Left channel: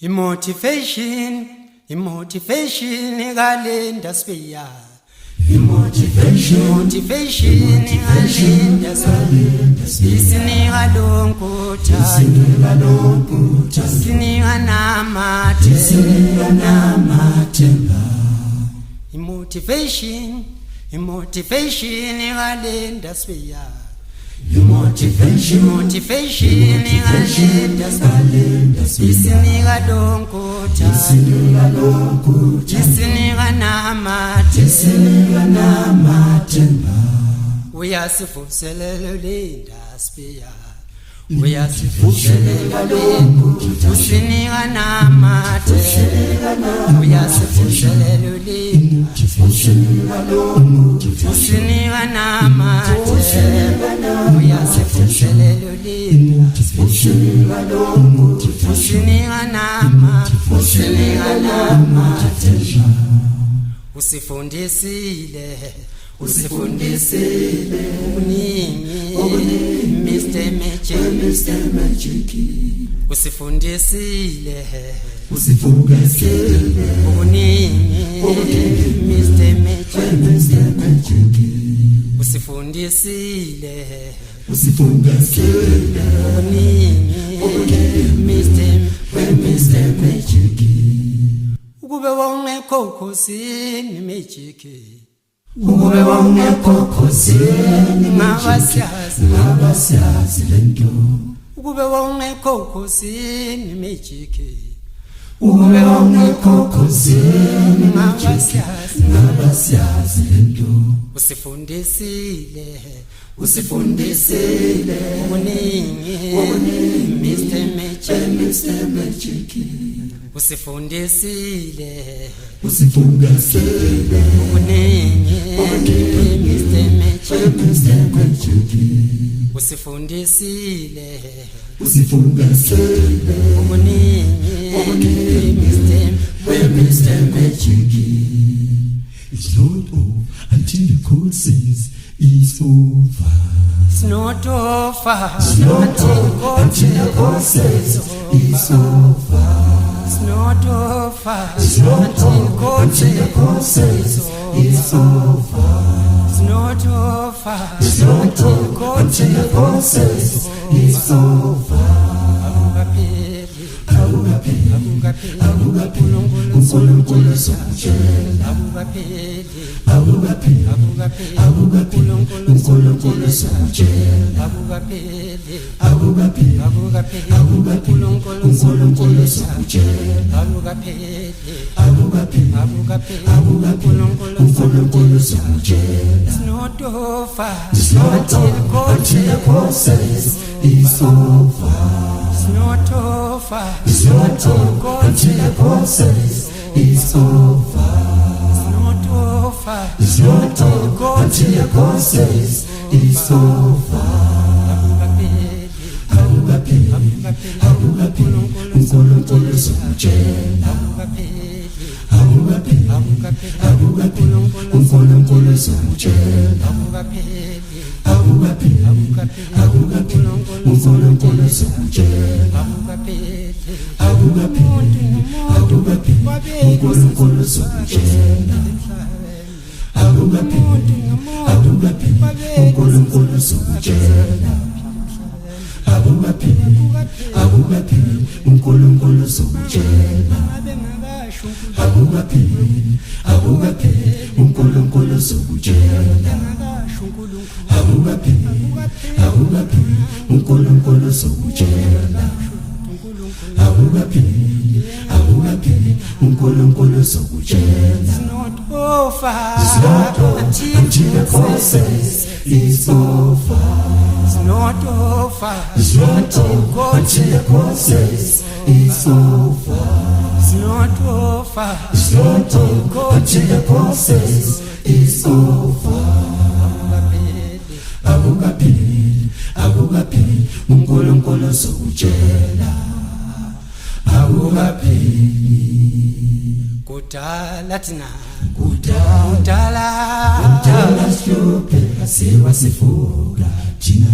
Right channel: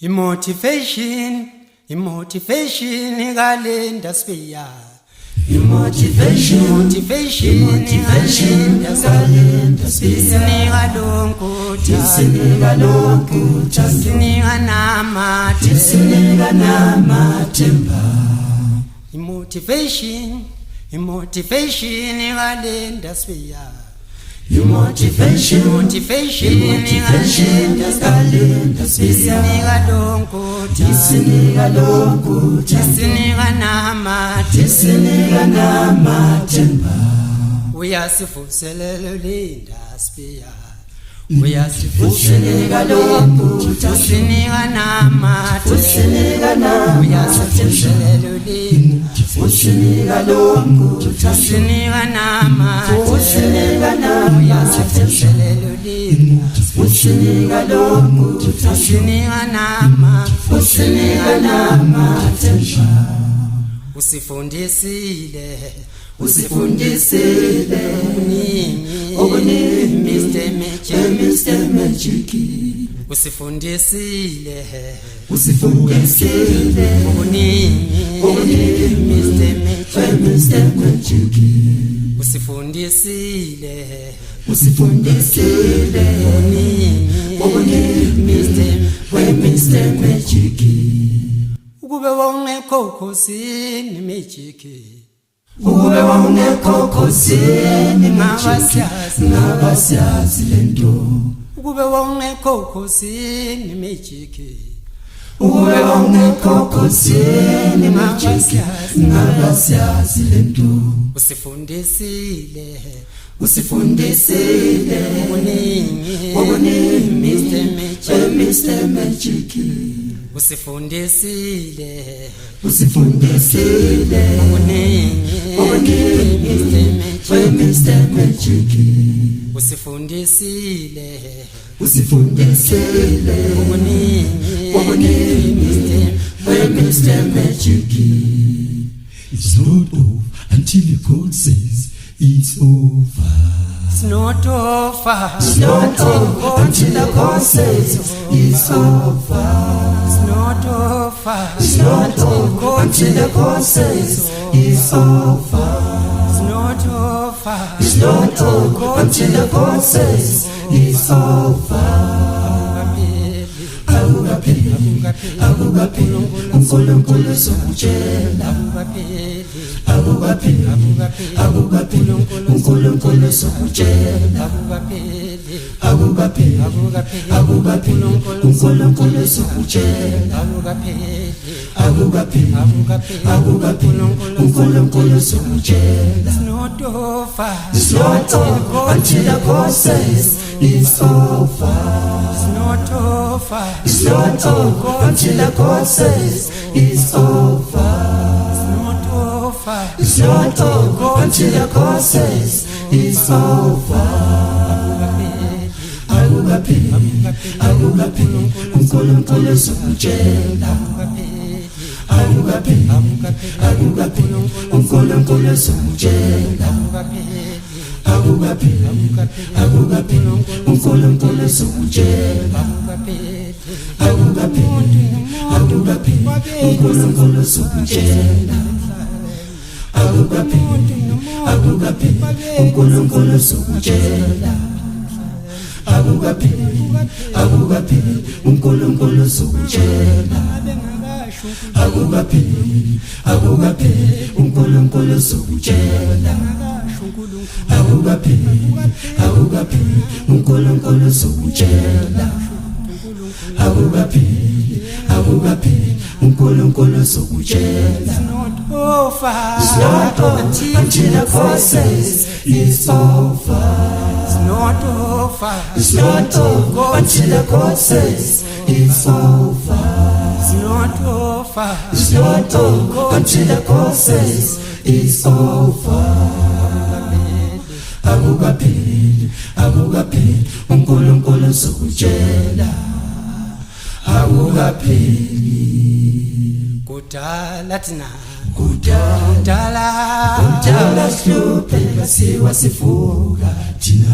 Motivation ikalenda siya. Motivation ikalenda siya lonkuta sinika namathemba. Motivation ikalenda siya. Motivation ikalenda sinika lonkuta sinika namathemba. Uyasivuselela linda siya. Uyasivuselela lonkuta sinika namathemba. Uyasivuselela linda sinika lonkuta sinika namathemba. Uyasivuselela linda sinika lonkuta sinika namathemba. Usifundisile okuningi Mr. Magic. Usifundisile okuningi Mr. Magic. Usifundisile okuningi Mr. Magic. Ukube wawungekho khosini Magic. Ukube wawungekho khosini ngabasiyazi lento. Ukube wawungekho khosini Magic. Ukube wawungekho khosini ngabasiyazi lento. Usifundisile okuningi Mr. Magic. Usifundisile okuningi Mr. Magic. Usifundisile okuningi Mr. Magic. It's not over until the God says it's over. It's not over Until the God says it's over. It's not over Until the God says it's over. It's not over Until the God says it's over. uNkulunkulu sokutshela uNkulunkulu sokutshela uNkulunkulu sokutshela uNkulunkulu sokutshela. It's not over until the God says it's over. It's not over Until the God says it's over. It's not over Until the God says it's over. uNkulunkulu sokutshela uNkulunkulu sokutshela uNkulunkulu sokutshela uNkulunkulu sokutshela uNkulunkulu sokutshela uNkulunkulu sokutshela uNkulunkulu sokutshela uNkulunkulu sokutshela uNkulunkulu sokutshela. It's not over until the God says it's over. It's not over until the God says it's over. It's not over until the God says it's over. Akukapheli uNkulunkulu sokutshela akukapheli. Kudala thina kudala sihluphe kasiwa sifuka thina.